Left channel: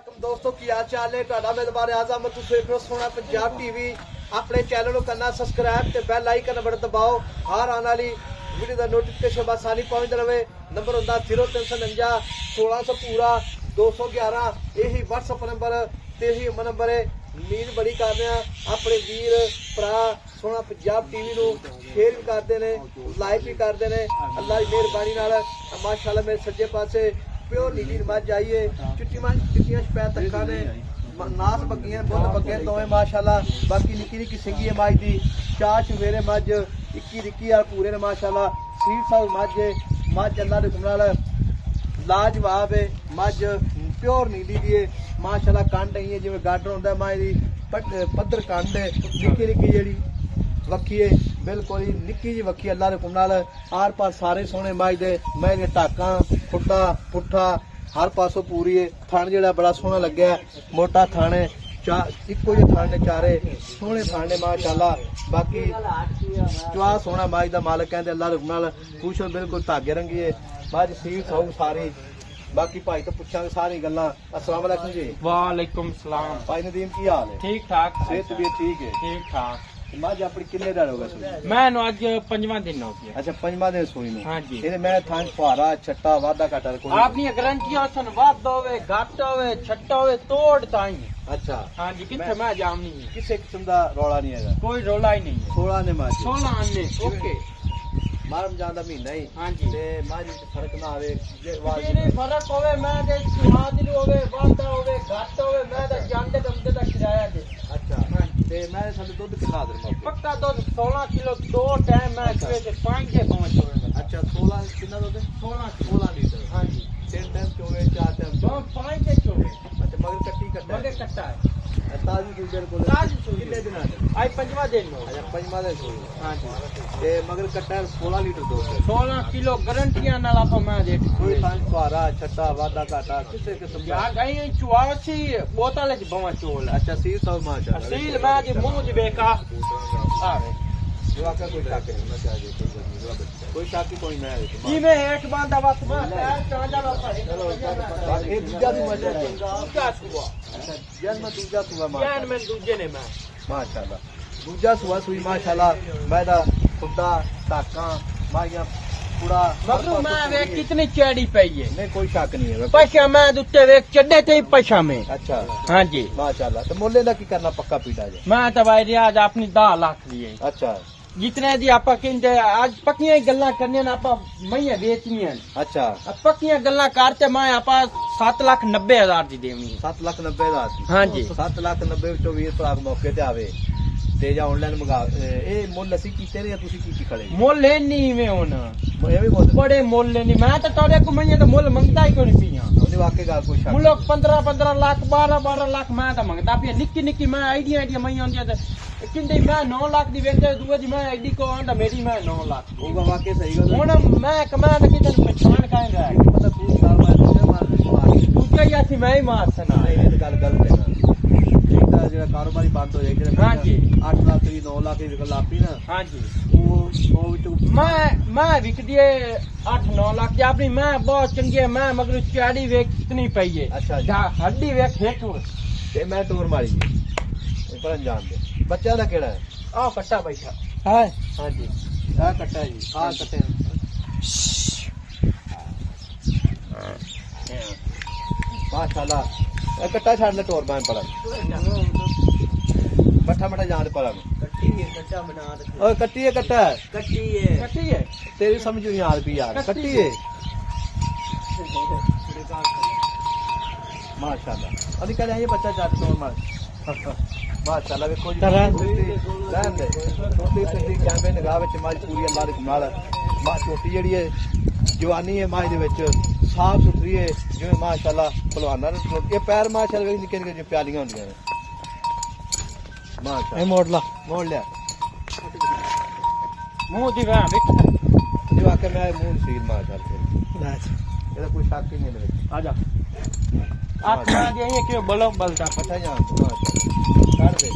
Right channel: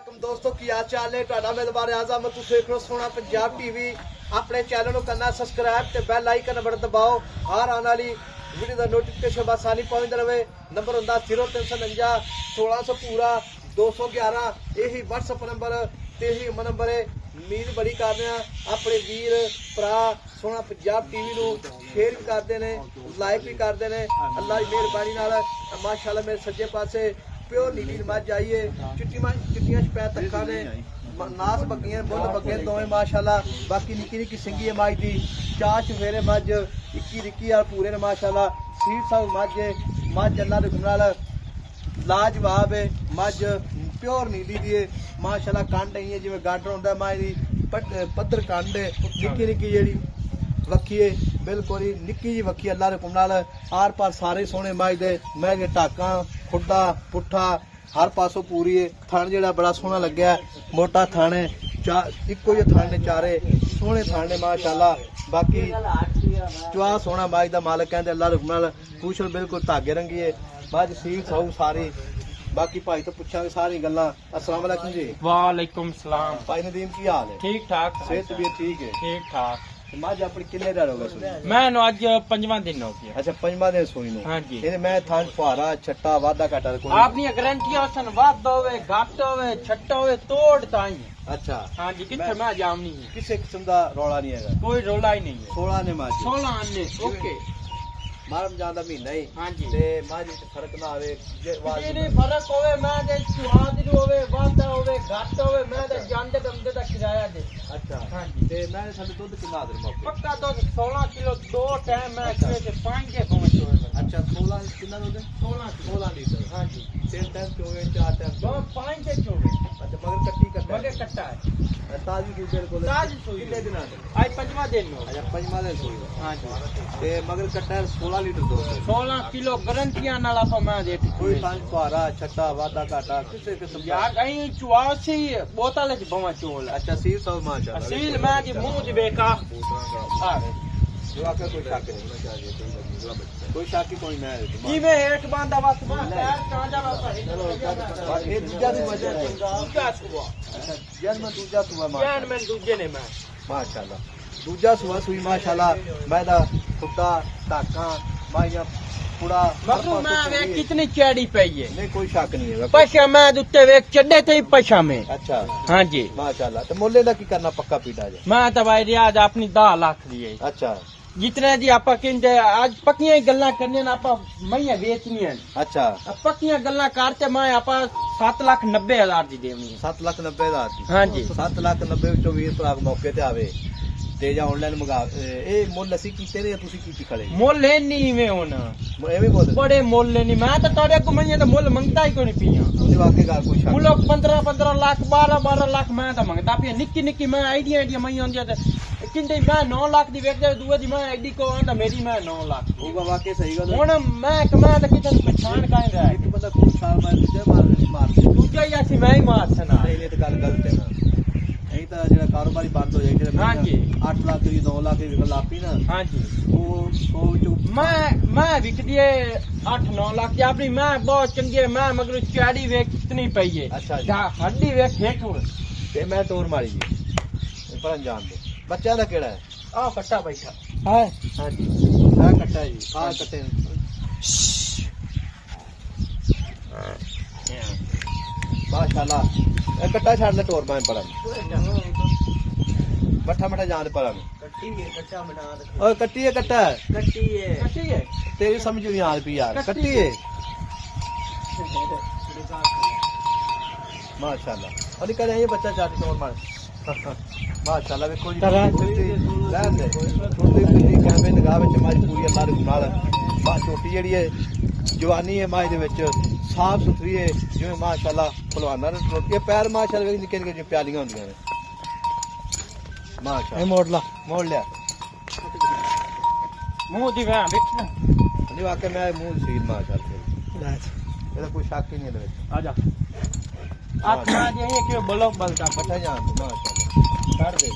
दोस्तों की हाल चाल है ਤੁਹਾਡਾ ਮੈਂ ਦੁਬਾਰਾ ਆਜ਼ਮ ਤੁਸੀਂ ਦੇਖ ਰਹੇ ਹੋ ਸੋਹਣਾ ਪੰਜਾਬ ਟੀਵੀ ਆਪਣੇ ਚੈਨਲ ਨੂੰ ਕਰਨਾ ਸਬਸਕ੍ਰਾਈਬ ਤੇ ਬੈਲ ਆਈਕਨ ਬਟਨ ਦਬਾਓ ਹਰ ਆਉਣ ਵਾਲੀ ਵੀਡੀਓ ਦਾ ਨੋਟੀਫਿਕੇਸ਼ਨ ਆਸਾਨੀ ਪਹੁੰਚਦਾ ਰਹੇ ਨੰਬਰ ਹੁੰਦਾ 0349 1600 ਪੂਰਾ 211 ਇਹੀ WhatsApp ਨੰਬਰ ਤੇ ਇਹੀ ਨੰਬਰ ਹੈ ਉਮੀਦ ਬੜੀ ਕਰਦੇ ਆ ਆਪਣੇ ਵੀਰ ਭਰਾ ਸੋਹਣਾ ਪੰਜਾਬ ਟੀਵੀ ਨੂੰ ਸ਼ੇਅਰ ਵੀ ਕਰਦੇ ਨੇ ਲਾਈਕ ਵੀ ਕਰਦੇ ਨੇ ਅੱਲਾ ਦੀ ਮਿਹਰਬਾਨੀ ਨਾਲ ਮਾਸ਼ਾਅੱਲਾ ਮੇਰੇ ਸੱਜੇ ਪਾਸੇ प्योर नीली मज आई है चिट्टियां तखा ने नास बगियां बुल बगे दोवें माशाअल्लाह बाकी निक्की निक्की सिंधी है मज की चार चवेरे मज इक्की रिक्की पूरे ने माशाअल्लाह सीट साउथ मज अल्लाह दे नाल लाजवाब है मज प्योर नीली दी है माशाअल्लाह कंड है जिवें गाडर हुंदा मज दी पद्धर कंड है निक्की निक्की जेहड़ी वक्खी है बिल्कुल ही निक्की जी वक्खी अल्लाह दे हुक्म नाल आर पार सारे सोहने मज दे मैं टाका खुट्टा पुट्ठा हर पासों पूरी है थण जेड़ा बड़ा सोहना लग्या मोटा थण है इक्को जे थण ने चारे सोहने थण ने माशाअल्लाह बाकी चुआ सोहना मज दा मालिक कहंदे अल्लाह दे हुक्म नाल पूछो बिल्कुल धागे रंगी है मज सील सौ सारी बाकी भाई तो पूछांगे सारी गल्लां अस्सलाम वालेकुम जी वालेकुम सलाम भाई नदीम की हाल है ठीक ठाक सेहत भी ठीक है ठीक ठाक मज अपनी किन्ने दिन हो गए मैं अज 5वां दिन हो गया अच्छा 5वां दिन सुई नु हां जी ये मैं थान पारा छट्टा वादा घाटा कोई आपनी गारंटी सन वाद होवे घट होवे छट्टा होवे तोड़ ताई अच्छा हां जी किथे मैं जावनी किसी किस्म दा रौला नहीं है कोई रौला ही नहीं 16 ने मार 16 ने ओके मारम जांदा महीना ही हां जी ते मां जी फर्क ना आवे जे वाज ये फर्क होवे मैं जे सुहाग दी होवे वादा होवे घट होवे मैं ते जानदे दमदे दा किराया दे अच्छा हां जी ते मैं साडे दूध कितना दर मौके पक्का दूध 16 किलो दो टाइम मैं अच्छे से 5 के पहुंच होवे अच्छा 16 कितना दूध 16 लीटर हां जी 3 टाइम चोवे 4 टाइम दो 5 के चोवे अच्छा मगर कट्टी कट्टा मगे कट्टा है ताजी दूध बिल्कुल ताजी दूध कितने दिन आते आज 5वां दिन हो अच्छा 5वां दिन सुई हां जी ते मगर कट्टा 16 लीटर दूध 16 किलो गारंटियां नाल आप मैं दे कोई थान पारा छट्टा वादा घाटा किसी किस्म दा यार गई चुआसी बोतल च बवा चोल अच्छा सील सब माशाअल्लाह असील मां जी मुंह च बेका वो आपका कोई शक नहीं कोई शक कोई मैं जी में एक बांधा बस मैं पैर चांजा बस बाकी दूजा भी मजा है दूजा सुबह अच्छा जन्म दूजा सुबह जान में दूजे ने मैं माशाअल्लाह दूजा सुबह सुई माशाअल्लाह मैं दा खुदा टाका माया पूरा मतलब मैं वे कितनी चैड़ी पई है नहीं कोई शक नहीं है पैसा मैं उत्ते वे चड्डे ते पैसा में अच्छा हां जी माशाअल्लाह तो मोले दा की करना पक्का पीड़ा है मैं तो भाई रियाज अपनी 10 लाख दी है अच्छा जितना जी आप कहते आज पक्कियां गल्लां करने आप मैया बेचनियां अच्छा अब पक्कियां गल्लां करते मैं आप 7,90,000 दी देनी 7,90,000 दी हां जी 7,90,000 तो 20 भरा मौके ते आवे ते जा ऑनलाइन मंगा ए मुੱਲ ਅਸੀਂ ਕੀਤੇ ਨੇ ਤੁਸੀਂ ਕੀ ਖੜੇ ਮੁੱਲ ਨਹੀਂ ਵੇ ਹੁਣ ਇਹ ਵੀ ਬੋਲ ਬੜੇ ਮੁੱਲ ਨਹੀਂ ਮੈਂ ਤਾਂ ਤੁਹਾਡੇ ਕੋ ਮੰਨੇ ਤਾਂ ਮੁੱਲ ਮੰਗਦਾ ਹੀ ਕੋਈ ਨਹੀਂ ਪੀਆ ਉਹਦੇ ਵਾਕੇ ਗੱਲ ਕੋਈ ਸ਼ੱਕ ਮੁੱਲ 15 ਲੱਖ 12 ਲੱਖ ਮੈਂ ਤਾਂ ਮੰਗਦਾ ਪਿਆ ਨਿੱਕੀ ਨਿੱਕੀ ਮੈਂ ਆਈਡੀਆ ਮੈਂ ਹੁੰਦੀ ਤੇ ਕਿੰਦੇ ਮੈਂ 9 ਲੱਖ ਦੀ ਵੇਚਦੇ ਦੂਏ ਦੀ ਮੈਂ ਐਡੀ ਕੋ ਆਂਦਾ ਮੇਰੀ ਮੈਂ 9 ਲੱਖ ਉਹ ਵਾਕੇ ਸਹੀ ਗੱਲ ਹੁਣ ਮੈਂ ਕਮਾ ਤਾਂ ਕਿਤੇ ਨੁਕਸਾਨ ਕਾਂਗਾ ਇਹ ਪਤਾ 3 ਸਾਲ ਬਾਅਦ ਦੂਜਾ ਹੀ ਅਸੀਂ ਮੈਂ ਹੀ ਮਾਰ ਸਨਾ ਇਹ ਤਾਂ ਗੱਲ ਗਲਤ ਹੈ ਇਹਦਾ ਜਿਹੜਾ ਕਾਰੋਬਾਰੀ ਬੰਦ ਹੋ ਜਾਏ ਹਾਂ ਜੀ 8 ਲੱਖ ਦੀ 2 ਲੱਖ ਦੀ ਵਿਕਣ ਲੱਪੀ ਨਾ ਹਾਂ ਜੀ ਉਹ ਵਿੱਚੋਂ ਮੈਂ ਵਿਕਦੀ 8-9 ਲੱਖ ਦੀ ਆਪਣੀ ਮੈਂ ਬਹੁਤ ਚੰਗੀ ਹੈ ਮੈਂ ਮਗਰ ਚਾੜੀ ਵੇਖ ਕਿਤਨੀ ਪਈ ਹੈ ਅੱਛਾ ਹੱਡੀ ਵੇਖ ਵੇਖੋ ਤੇ ਮੈਂ ਟੋਰ ਮਾਰੀ ਜੀ ਪਰ ਅੰਜਾਮ ਦੇ ਬੱਚਾ ਦਾ ਕਿਹੜਾ ਹੈ ਆਹ ਕੱਟਾ ਬੈਠਾ ਹੈ ਹਾਂ ਜੀ ਮੈਂ ਕੱਟਾ ਜੀ ਆਹ ਕੱਟੇ माशाअल्लाह एक कट्टा छाड़ने तौर पर पड़ा मठा मठा जान पड़ा और कट्टी है कट्टा कट्टी है तेरी समझ नहीं आ रही यार कट्टी है माशाअल्लाह अभी कल ये बच्चा चाहते हैं माशाअल्लाह देखो जी कैमरे निगरान विच मां पूरी अल्लाह दे नाल छोटी जेहड़ी है जवानी है मां दे विच साफ सुथरी है जिवें माशाअल्लाह पहलवाना ये पैर माशाअल्लाह निक्के निक्के जो प्यालियां होंदियां ने माशाअल्लाह मोड़ लिया मुंह दी मैं देख ये वाकई मैं मुंह सील माशाअल्लाह ਇਹਦਾ ਕੋਈ ਸ਼ੱਕ ਹੀ ਨਹੀਂ ਹੈ आ जा आत्मा दे ये क्यों बलो बलता पता जान माशाअल्लाह कर दे